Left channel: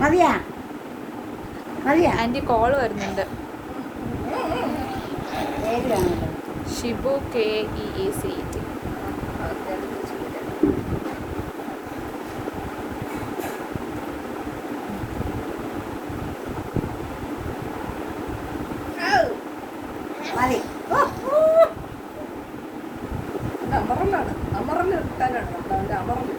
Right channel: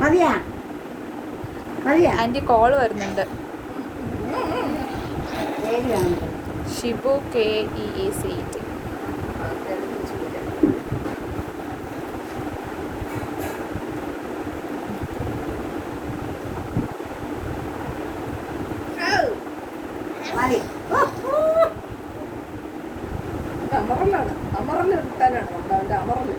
മതിയാ മതിയാ. Anti call വരുന്നുണ്ട്. ഷിബു KEACT. അമറലാണ്, അമറല് കിട്ടാനാണ് നമ്മുടെ അവന്റെ അമറല്.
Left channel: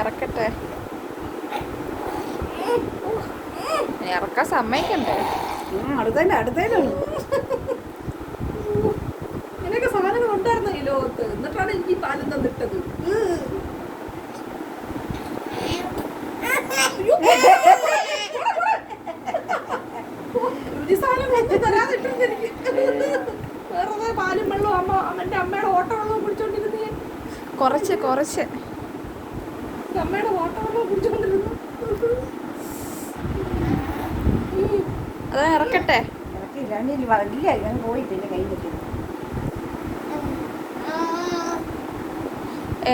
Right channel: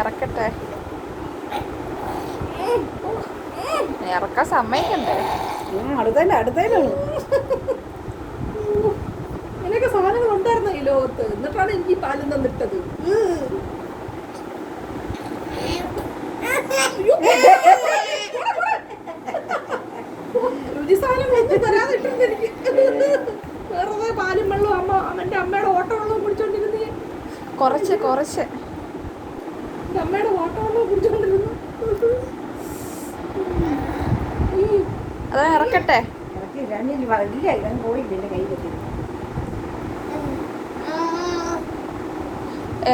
ഇറക്കട്ടെ, ഇറക്കാൻ സമ്മതിക്കണ്ടേ? അടുത്തതിലാണ് ഇങ്ങനെയൊക്കെ സാധനങ്ങൾ ഉണ്ടായിരുന്നു ഈ ലോകത്ത്. എന്നിട്ടാണ് എനിക്ക് പാലിൽ നിന്നിട്ടത്. രുചി സാധനം ഒന്നും തരാതിട്ടുണ്ട് എനിക്ക്. വേറെ പാലും വെള്ളവും അമ്മ അവന്റെ അമ്മയുടെ ഓട്ടവെള്ളവും കുടിച്ചോണ്ടിരുന്നേ. കുറച്ച് അമ്മയുടെ ഓട്ടവെള്ളവും കുടിച്ചോണ്ടിരുന്നു. അതാ ഇറക്കട്ടെ.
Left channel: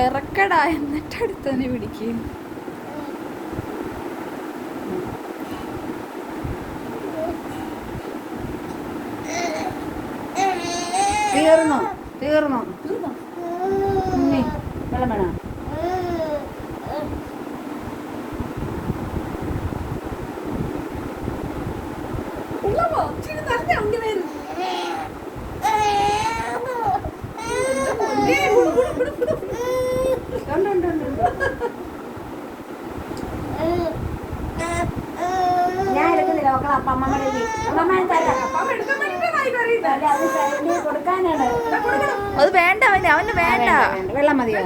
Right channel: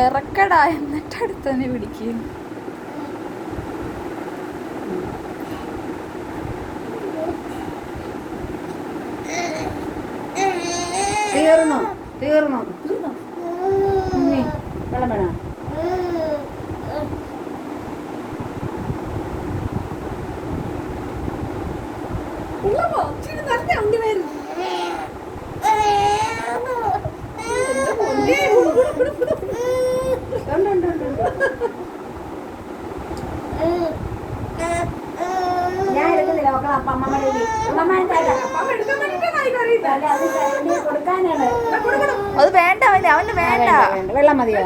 ഇറക്കടാ, എന്നിട്ട് അടുത്ത് തന്നെ പിടിക്കും. തീർന്നോ വെള്ളം വേണം. അത് വേണ്ട, അവന് വേണ്ട. വെള്ളം മതിയോ?